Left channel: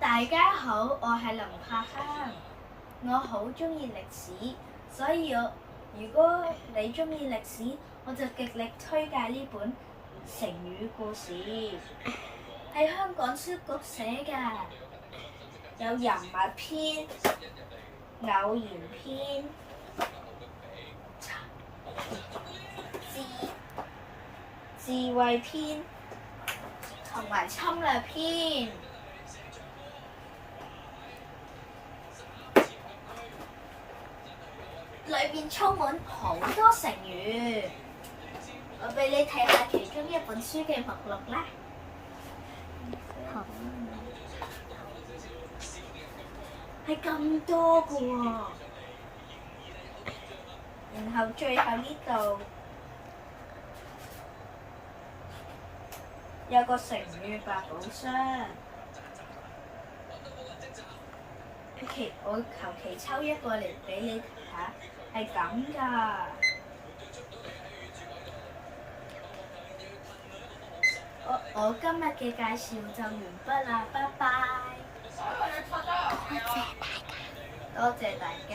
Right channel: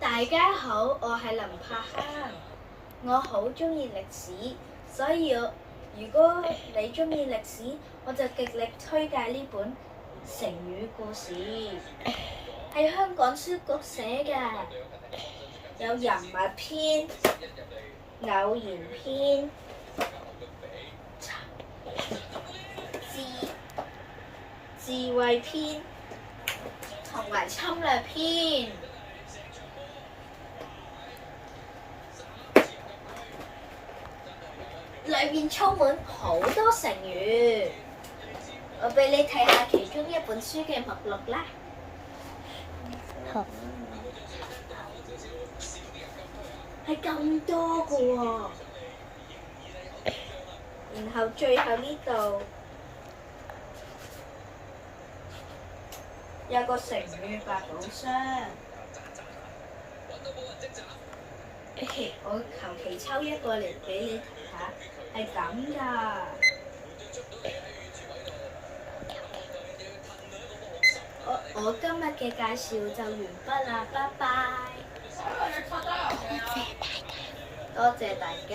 大家好，我係林柏坑，我好鍾意歷史，所以如果你鍾意歷史，我就極力推介呢本成語故事，係香港書局寫㗎，有人物篇、偶然篇、智慧篇同埋侵略篇。裏面充滿好多成語，我俾你睇下其中一本書嘅目錄啦。好。係咁多㗎喎，然後最後呢度有個成語百寶箱。我求其抽一個嚟俾你睇下，係咁㗎。我今日嘅介紹就完畢啦，拜拜。多謝大家。